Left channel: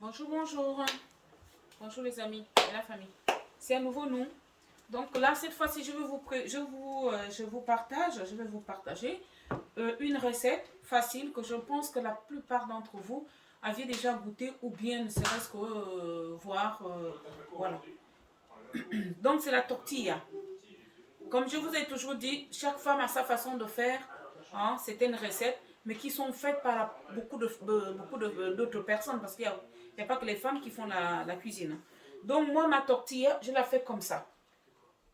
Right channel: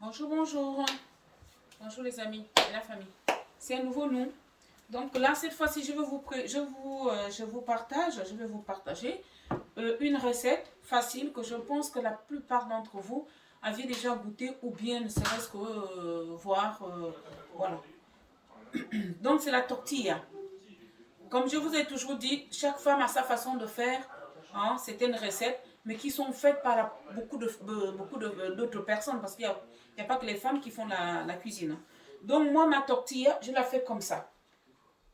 Bonjour, bonjour. Bonjour les amis et la famille. C'est un nouveau nom. Donc là, cette fois-ci, je vais vous partager une recette facile que je pense que la plupart d'entre vous aviez déjà goûté ou bien ne serait-ce que voir. Voilà. Donc c'est la tortilla. Comme je vous ai toujours dit, chaque femme a sa façon de faire. Hein, c'est une recette, mais qui sont faites par beaucoup d'autres personnes parce qu'il n'y a pas que les femmes qui font la cuisine. Donc moi, ma tortilla, je la fais comme ça.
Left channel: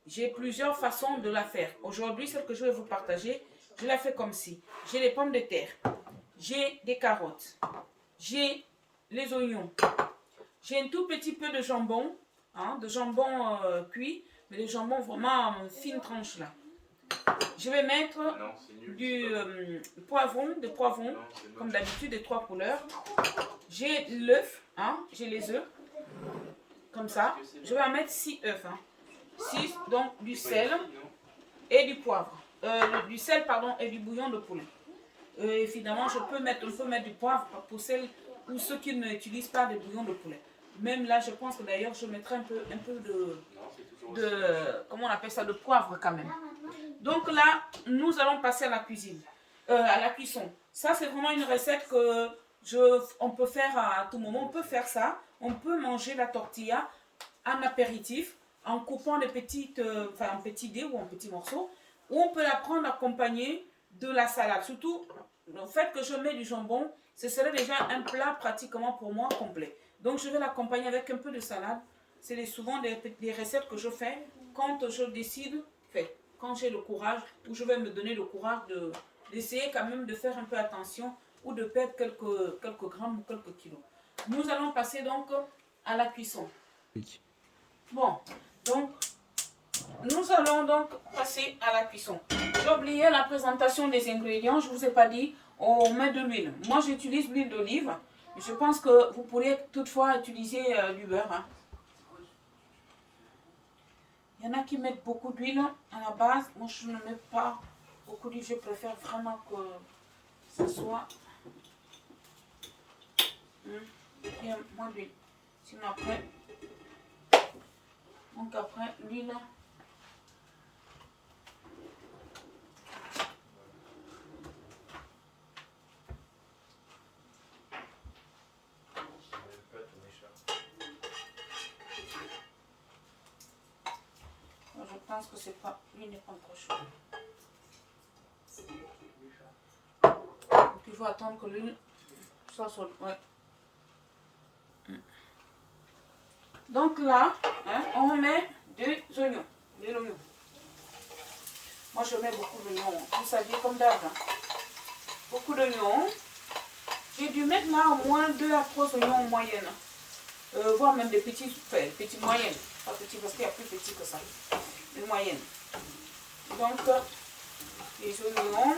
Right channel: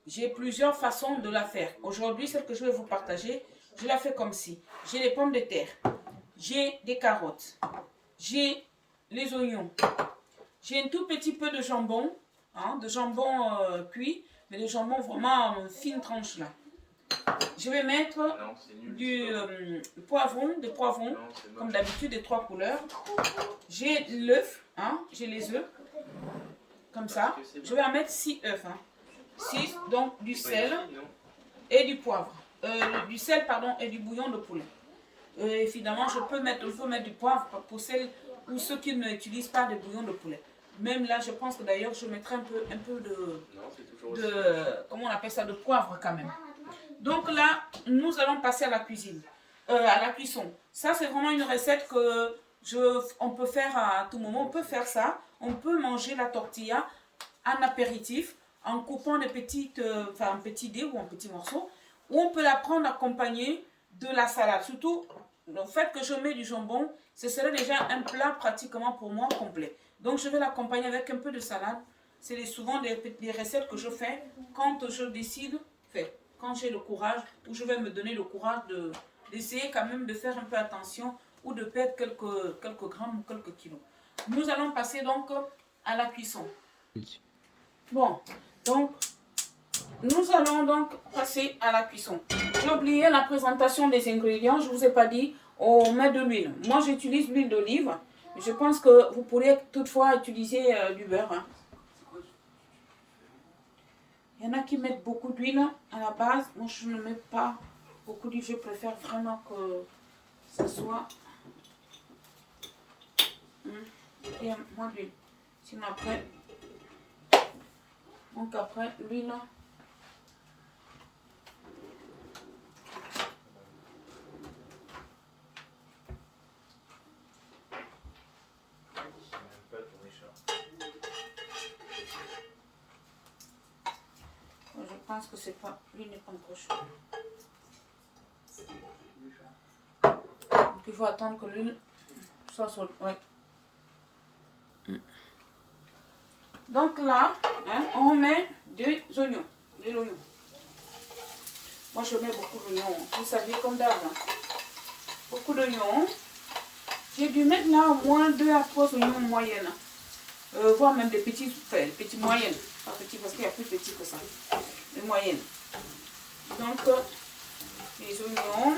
J'ai plusieurs façons de la faire. Aujourd'hui, celle que je vais vous partager, je la fais comme ci. J'ai les pommes de terre, j'ai des carottes, j'ai les oignons, j'ai un tout petit peu de jambon, hein, de jambon cuit, mais le jambon vraiment en fine tranche là. Je vais mettre du poivron, comme d'habitude, des 3 couleurs. J'ai l'œuf, hein, j'ai les œufs, comme ça. Je vais en mettre 6 œufs, hein. 6, donc du sel et du poivre. Du sel, pardon, et du bouillon de poulet. Évidemment, on peut mettre du poivre pour celles ou ceux qui n'utilisent pas de bouillon de poulet. Même là, je pense que d'ailleurs, je mettrai un peu comment on appelle ça, de poivre quand même. Donc là, nous allons passer à la cuisine, à la cuisson. Ça, c'est vraiment une recette que on peut faire à tout moment. On peut faire ça. On peut manger la tortilla en apéritif, en coupant des petites, un petit dé ou un petit morceau. Ou on peut la prendre accompagnée de la salade. Surtout, le fait que je mets du jambon, ce serait déjà un plat pratiquement pour moi complet. Donc, je vais l'accompagner avec un peu de salade. C'est souvent des recettes que je fais quand je décide, quand j'ai le courage, ou je vais me donner le courage d'essayer quand même de faire un peu attention ou de perdre quelques grammes ou quelques kilos. Nous allons passer donc à la cuisson. Bon, donc nous allons donc passer à la cuisson. J'ai oublié la présentation des ingrédients, je ne vous ai pas dit, on met de l'huile. Moi j'utilise l'huile d'olive, je pense que vous pourriez toutefois utiliser du beurre. Hein. Il y en a qui mettent beaucoup d'huile à la base. Moi, je ne mets pas beaucoup d'huile. Je préfère vraiment que ce soit... Il y a moins d'huile. Sinon, après... Donc, après, l'huile... Je pense que c'est pas... L'huile n'est pas encore chaude. Donc, il faut attendre que l'huile soit chaude. Ouais. Donc là, hein, on met des oignons. De l'oignon. Moi, je mets beaucoup d'oignons. Vous savez, comme d'hab. Hein. Beaucoup d'oignons. J'ai dû mettre là au moins 2 à 3 oignons en moyenne. Voire même des petits moyennes. Pas petits parce qu'il y a plus petit que ça. Des moyennes. Donc, les oignons.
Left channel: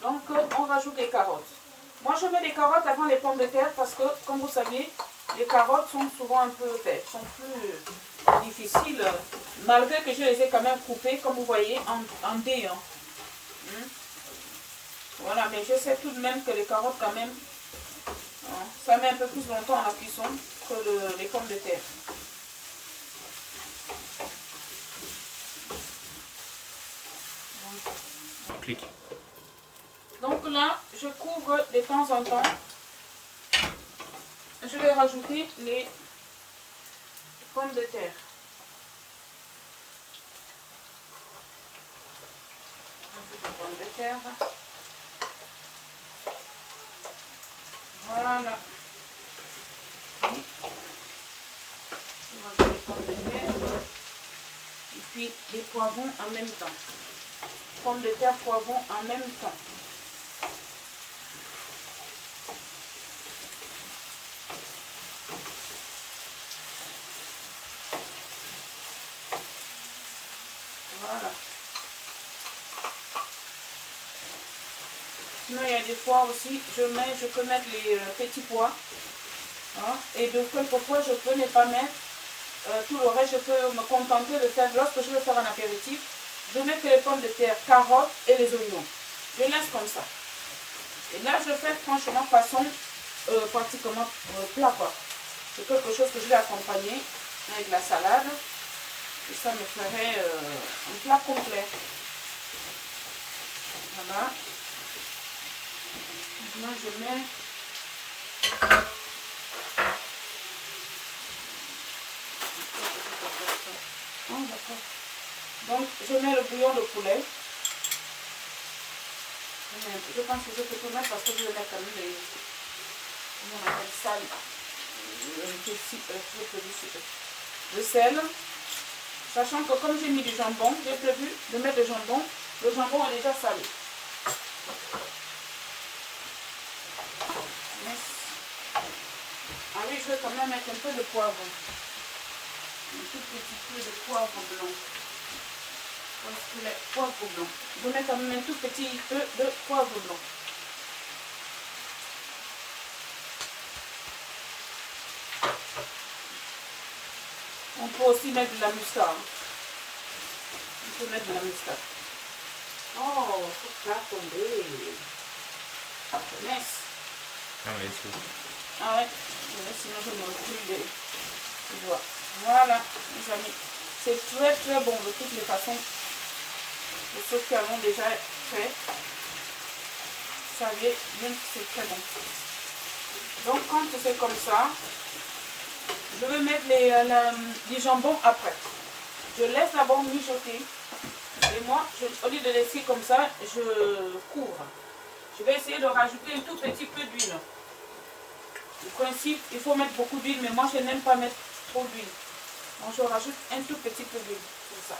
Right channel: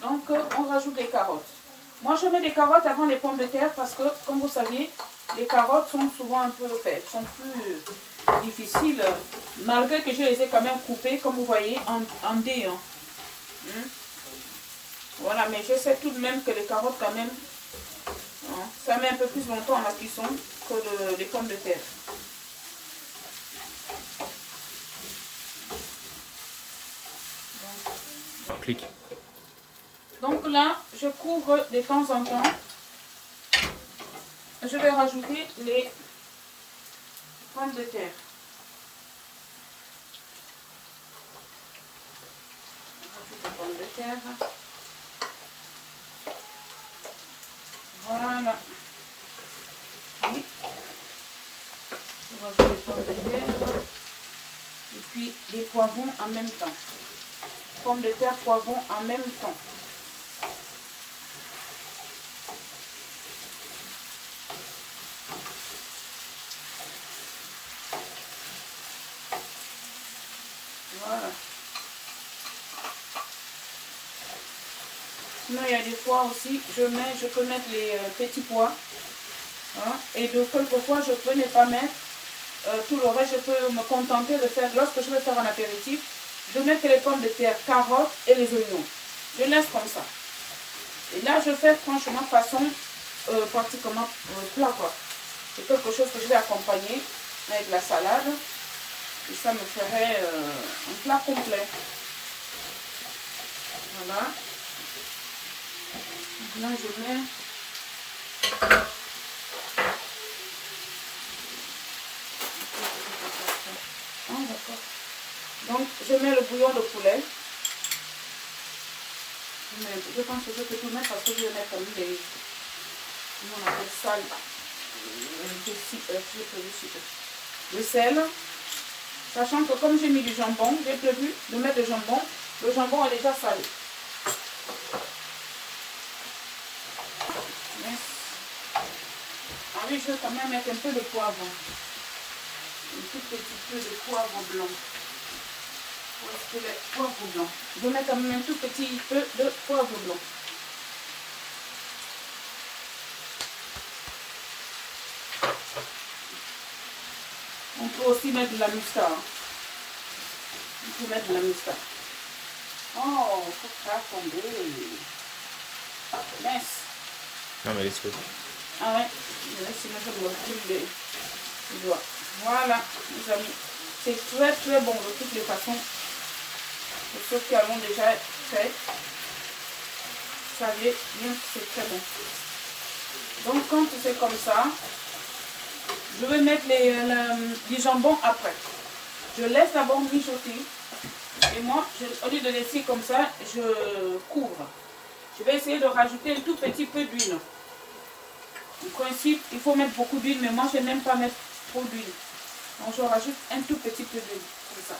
Donc, on rajoute les carottes. Moi, je mets des carottes avant les pommes de terre parce que, comme vous savez, les carottes sont souvent un peu, sont plus difficiles, malgré que je les ai quand même coupées, comme vous voyez, en dés. Hein. Voilà, mais je sais tout de même que les carottes, quand même, hein, ça met un peu plus longtemps en la cuisson que les pommes de terre. Clic. Donc là, je couvre de temps en temps. Je vais rajouter les pommes de terre. Les pommes de terre. Voilà. Et on rajoute les pommes de terre. Et puis les poivrons en même temps. Pommes de terre, poivrons en même temps. Voilà. Sinon, il y a des fois aussi, je peux mettre les petits pois. Hein, et de quelquefois, je peux ne pas mettre tout le reste. Je peux me contenter de faire, lorsque je vais faire un apéritif, je mets que les pommes de terre, carottes et les oignons. Je laisse comme ça. Et là, je fais franchement façon pratiquement plat quoi. C'est quelque chose que je vais accompagner avec la salade. Et ça me ferait un plat complet. Voilà. Moi, je mets... Oh, d'accord. Donc, je mets le bouillon de poulet. Je pense que je peux tout mettre parce que je vais mettre quand même les... On appelle ça le sel. Sachant que comme j'ai mis du jambon, j'ai prévu de mettre le jambon. Le jambon est déjà salé. Yes. Ah oui, je vais quand même mettre un peu de poivre. Un tout petit peu de poivre blanc. Parce que le poivre blanc. Je vais mettre quand même un tout petit peu de poivre blanc. On peut aussi mettre de la moutarde. On peut mettre de la moutarde. Oh, ça va tomber. Nice. Non, mais laisse-le. Ah ouais, sinon je me brûle les doigts. Voilà, mes amis. C'est très très bon de toutes les façons. Les choses qui avons déjà fait. Vous savez bien que c'est très bon. Donc quand c'est comme ça, je vais mettre les jambons après. Je laisse d'abord mijoter. Et moi, au lieu de laisser comme ça, je couvre. Je vais essayer de rajouter un tout petit peu d'huile. En principe, il faut mettre beaucoup d'huile, mais moi, je n'aime pas mettre trop d'huile. Donc, je rajoute un tout petit peu d'huile. Comme ça.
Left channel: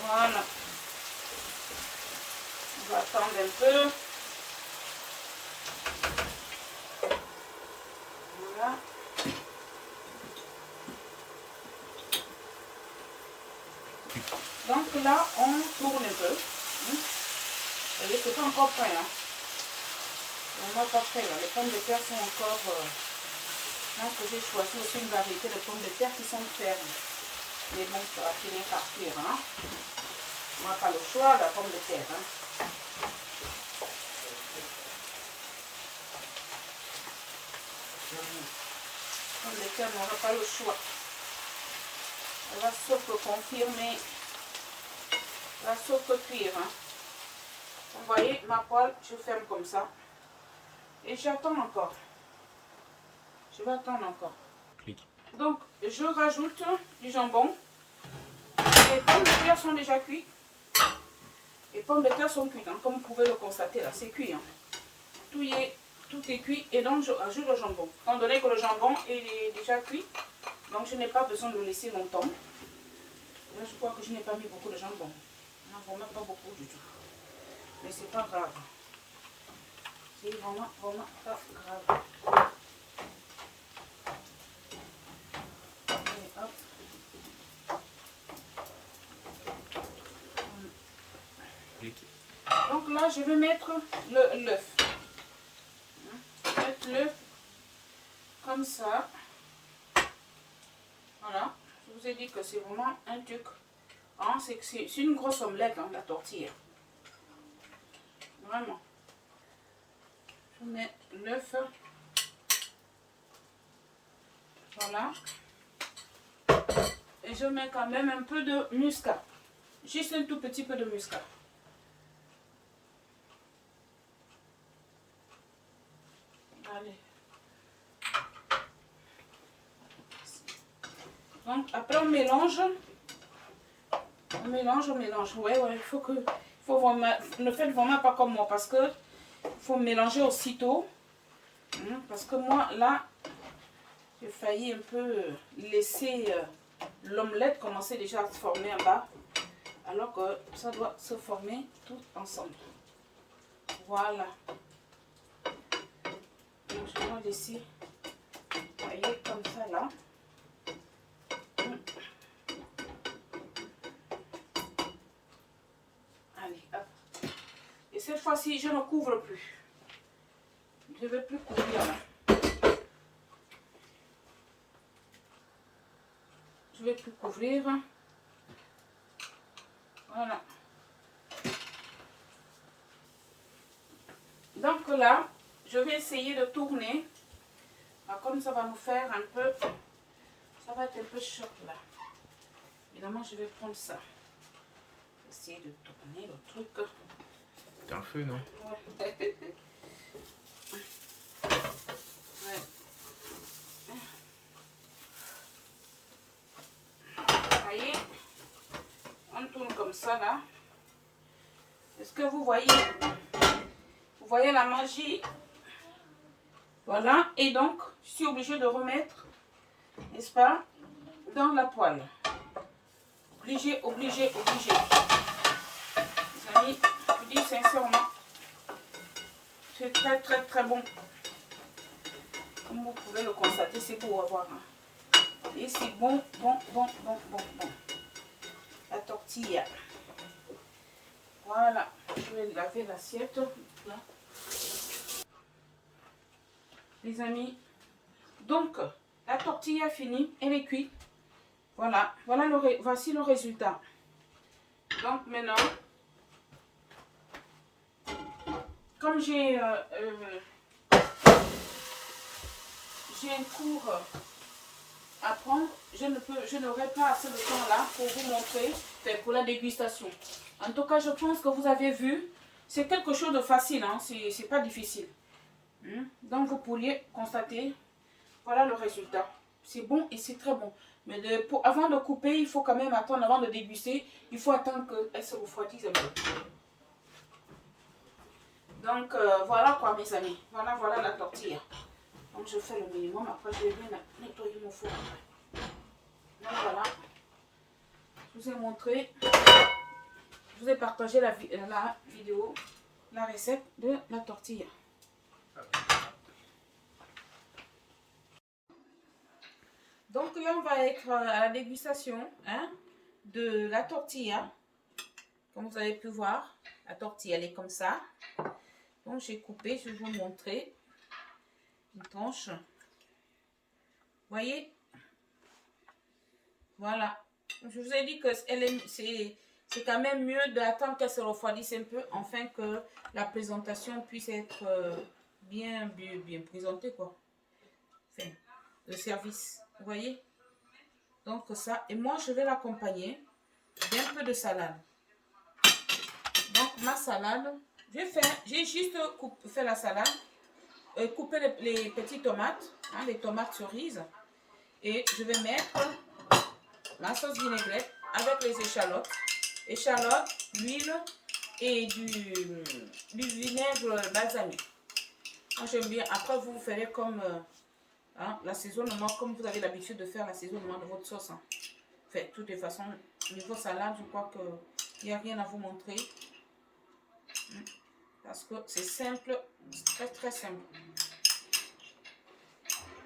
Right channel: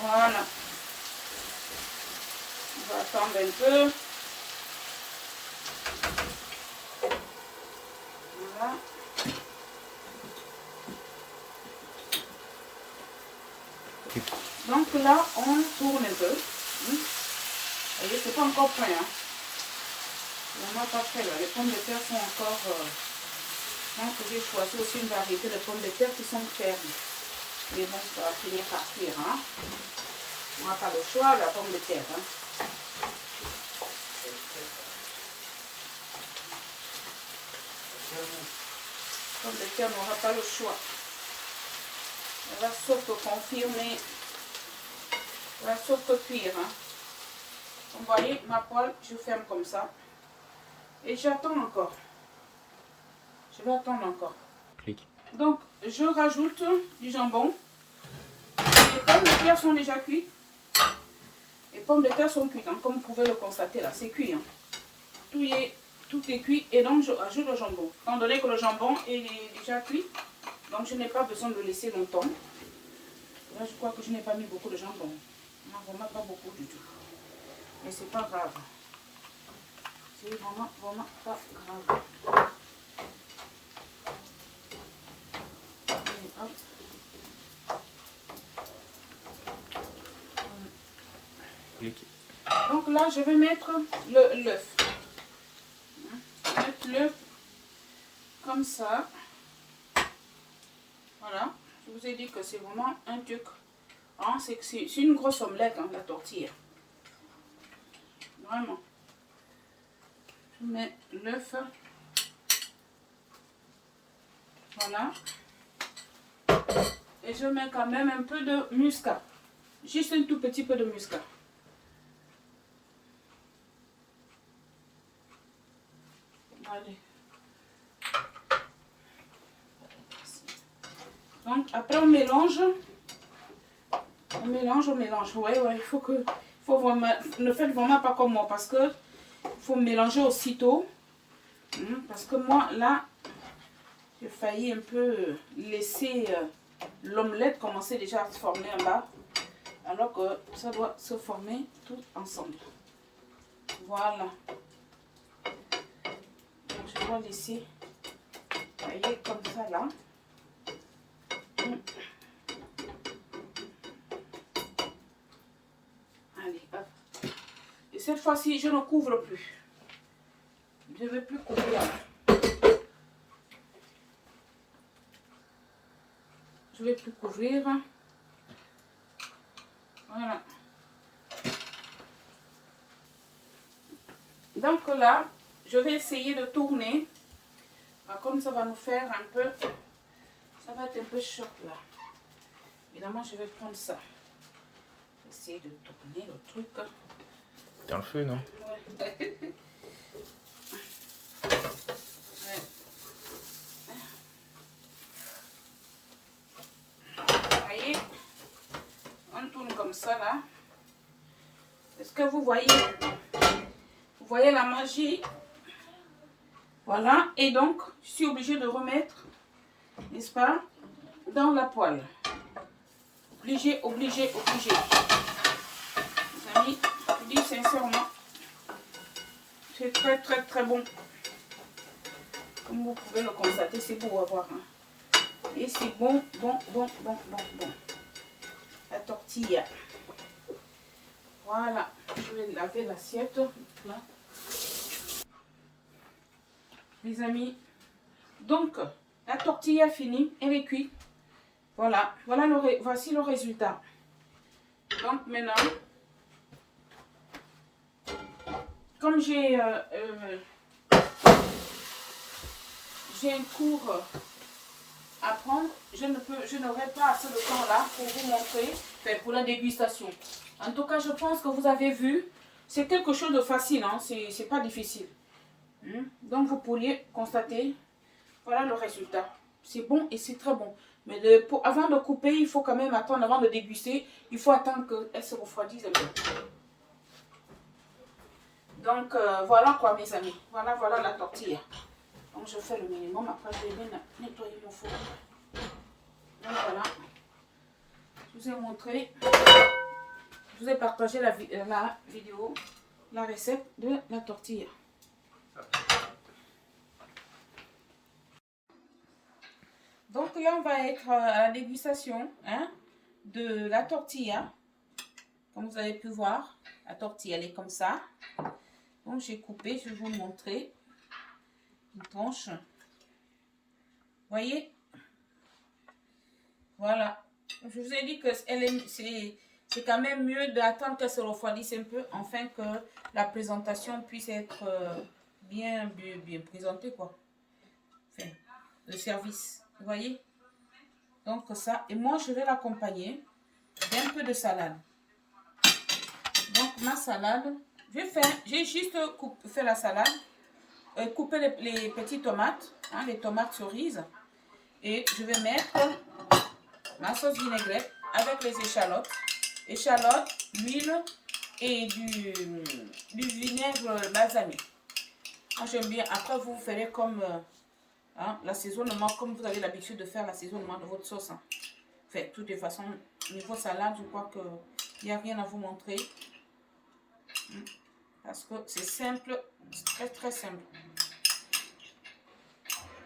Voilà. On va attendre un peu. Voilà. Donc là, on tourne un peu. Vous voyez, c'est pas encore prêt. Hein. Vraiment pas prêt. Les pommes de terre sont encore... donc j'ai choisi aussi une variété de pommes de terre qui sont fermes. Et bon, ça va finir par cuire. Hein. On n'a pas le choix, la pomme de terre. Hein. La pomme de terre n'aura pas le choix. Elle va sauf que confirmer. Elle va sauf que cuire. Hein. Vous voyez, ma poêle, je ferme comme ça. Et j'attends encore. Je vais attendre encore. Clique. Donc, je rajoute du jambon. Les pommes de terre sont déjà cuites. Les pommes de terre sont cuites, hein, comme vous pouvez le constater là, c'est cuit. Hein. Tout est cuit et donc je rajoute le jambon. Étant donné que le jambon est déjà cuit, donc je n'ai pas besoin de le laisser longtemps. Là, je crois que je n'ai pas mis beaucoup de jambon. Non, vraiment pas beaucoup du tout. Mais c'est pas grave. C'est vraiment pas grave. Allez, hop. Donc là, je vais mettre l'œuf. Mettre l'œuf comme ça. Voilà. Je vous ai dit que c'est vraiment un truc. Hein, c'est une grosse omelette, hein, la tortilla. Vraiment. Je mets l'œuf. Voilà. Et je mets quand même un peu de muscade. Juste un tout petit peu de muscade. Allez. Donc après on mélange. On mélange. Ouais, il faut que... vraiment, ne faites vraiment pas comme moi parce que il faut mélanger aussitôt. Parce que moi, là, j'ai failli un peu laisser l'omelette commencer déjà à se former en bas. Alors que ça doit se former tout ensemble. Voilà. Donc je dois laisser, vous voyez, comme ça là. Allez, hop. Et cette fois-ci, je ne couvre plus. Je ne vais plus couvrir là. Je vais tout couvrir. Voilà. Donc là, je vais essayer de tourner. Comme ça va nous faire un peu... Ça va être un peu chaud là. Évidemment, je vais prendre ça. Essayer de tourner le truc. T'as un feu, non? Ouais. Ouais. Vous voyez, on tourne comme ça là. Est-ce que vous voyez? Vous voyez la magie? Voilà. Et donc, je suis obligée de remettre, n'est-ce pas, dans la poêle. Obligé. Les amis, je dis sincèrement, c'est très bon. Comme vous pouvez le constater, c'est beau à voir. Hein. Et c'est bon. La tortilla. Voilà. Je vais laver l'assiette. Les amis. Donc, la tortilla finie. Elle est cuite. Voilà. Voici le résultat. Donc maintenant, comme j'ai un cours à prendre, je n'aurai pas assez de temps là pour vous montrer, pour la dégustation. En tout cas, je pense que vous avez vu, c'est quelque chose de facile, hein? C'est pas difficile. Donc vous pourriez constater, voilà le résultat. C'est bon et c'est très bon. Mais avant de couper, il faut quand même attendre, avant de déguster, il faut attendre qu'elle se refroidisse un peu. Donc voilà quoi mes amis, voilà la tortilla. Donc je fais le minimum, après je vais bien nettoyer mon four. Donc voilà, je vous ai montré, je vous ai partagé la vidéo, la recette de la tortilla. Donc là on va être à la dégustation de la tortilla. Comme vous avez pu voir, la tortilla elle est comme ça. Donc j'ai coupé, je vais vous montrer une tranche. Voyez, voilà. Je vous ai dit que c'est quand même mieux d'attendre qu'elle se refroidisse un peu afin que la présentation puisse être bien présentée quoi. Enfin, le service, vous voyez. Donc ça, et moi je vais l'accompagner d'un peu de salade. Donc ma salade, j'ai juste fait la salade, couper les petites tomates, les tomates cerises, et je vais mettre ma sauce vinaigrette avec les échalotes, l'huile et du vinaigre balsamique. Moi j'aime bien. Après vous ferez comme l'assaisonnement, comme vous avez l'habitude de faire l'assaisonnement de votre sauce. Hein. Enfin, de toutes les façons, niveau salade, je crois qu'il n'y a rien à vous montrer. Parce que c'est simple, très simple.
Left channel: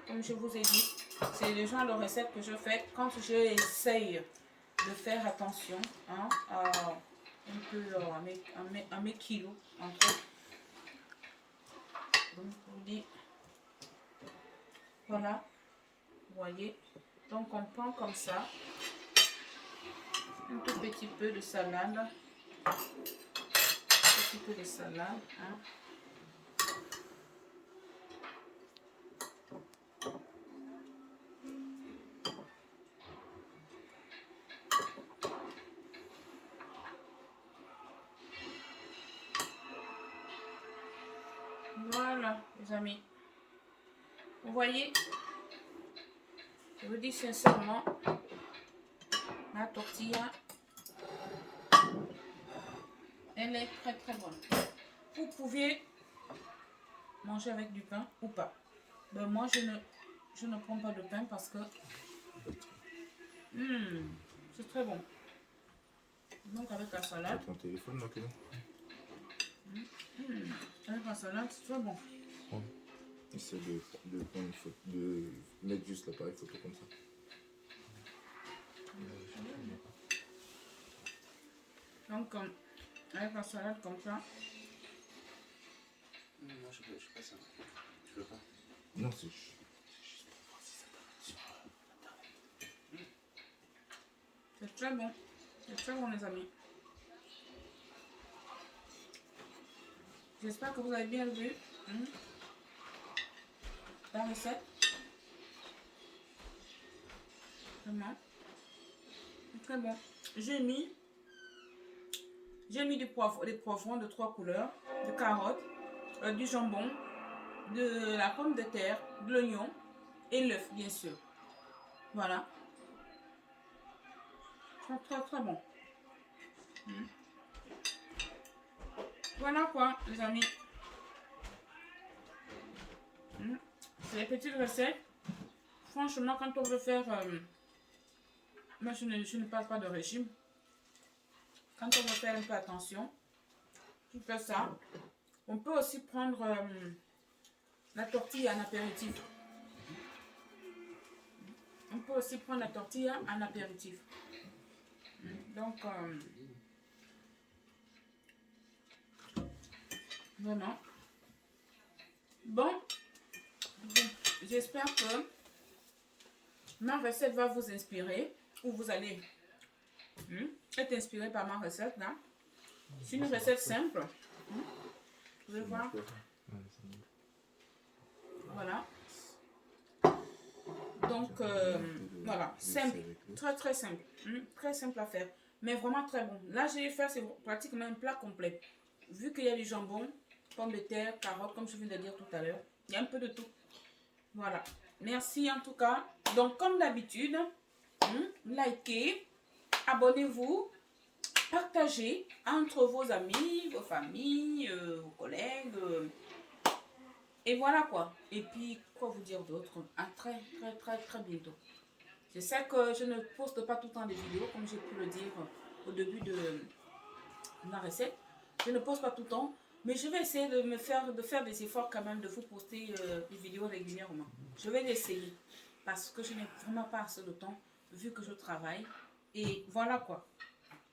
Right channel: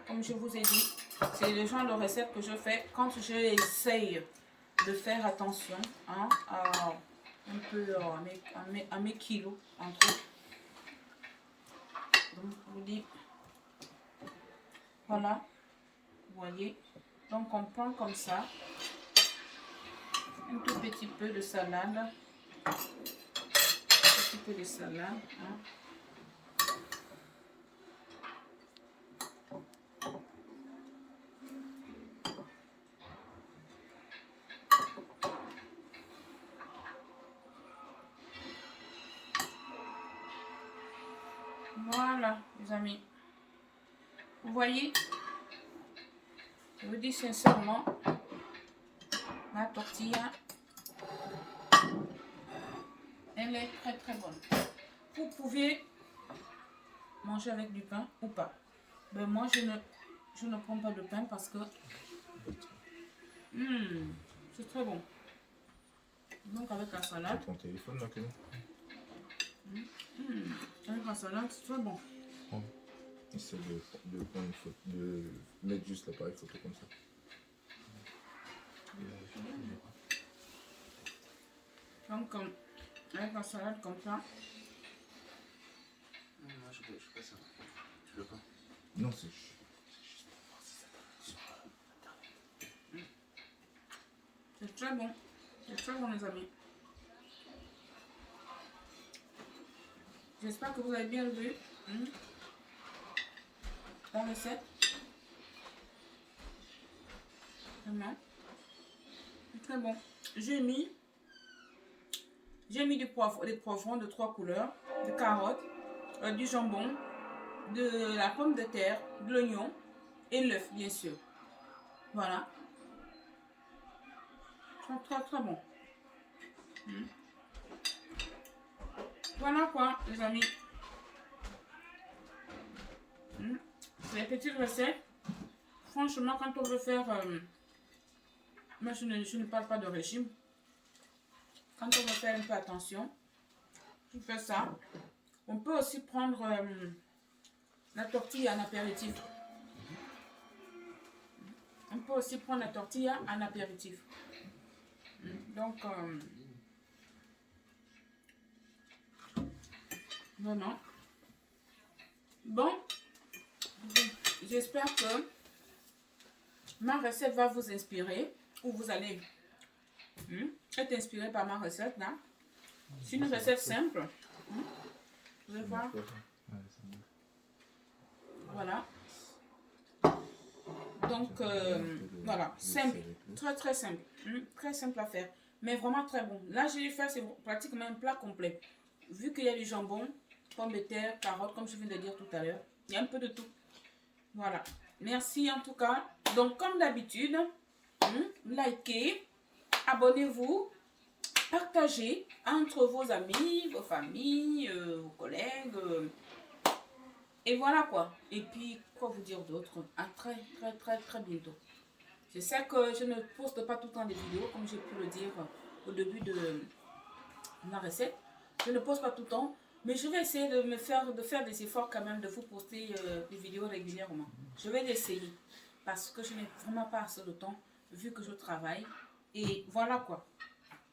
Comme je vous ai dit, c'est le genre de recette que je fais quand j'essaye de faire attention un peu à mes kilos entre eux. Donc je vous dis, voilà, vous voyez. Donc on prend comme ça un tout petit peu de salade. Un petit peu de salade. Voilà, les amis. Vous voyez, je vous dis sincèrement, ma tortilla, elle est très bonne. Vous pouvez manger avec du pain ou pas. Ben moi, je ne prends pas de pain parce que c'est très bon. Donc avec la salade. Ton téléphone là, Avec la salade, c'est très bon. Ouais. Essaye de mettre juste l'appareil photo comme ça. Donc avec la salade comme ça. Moi je peux pas ça. Je peux pas. Non, c'est juste pour voir si ça passe sur C'est très bon. C'est très bon, les amis. J'espère que vous avez bien vu la recette. Vraiment. C'est très bon. J'ai mis des poivrons de 3 couleurs, de carottes, du jambon, de la pomme de terre, de l'oignon et l'œuf, bien sûr. Voilà. C'est très très bon. Voilà quoi, les amis. C'est les petites recettes. Franchement, quand on veut faire... moi, je ne parle pas de régime. Quand on veut faire un peu attention, je fais ça. On peut aussi prendre la tortille en apéritif. On peut aussi prendre la tortille en apéritif. Donc, vraiment. Bon, j'espère que ma recette va vous inspirer, ou vous allez être inspiré par ma recette là. C'est une recette simple. Vous allez voir. Voilà. Donc, voilà, simple, très très simple, très simple à faire, mais vraiment très bon. Là, j'ai fait, c'est pratiquement un plat complet. Vu qu'il y a du jambon, pommes de terre, carottes, comme je viens de dire tout à l'heure, il y a un peu de tout. Voilà, merci en tout cas. Donc, comme d'habitude, likez, abonnez-vous, partagez entre vos amis, vos familles, vos collègues. Et voilà quoi. Et puis, quoi vous dire d'autre? À très, très, très, très bientôt. Je sais que je ne poste pas tout le temps des vidéos, comme j'ai pu le dire au début de la recette. Je ne poste pas tout le temps, mais je vais essayer de faire des efforts quand même, de vous poster des vidéos régulièrement. Je vais l'essayer, parce que je n'ai vraiment pas assez de temps, vu que je travaille. Et voilà quoi.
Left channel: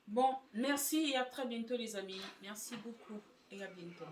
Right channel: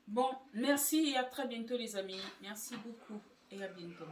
Bon, merci et à très bientôt les amis. Merci beaucoup et à bientôt.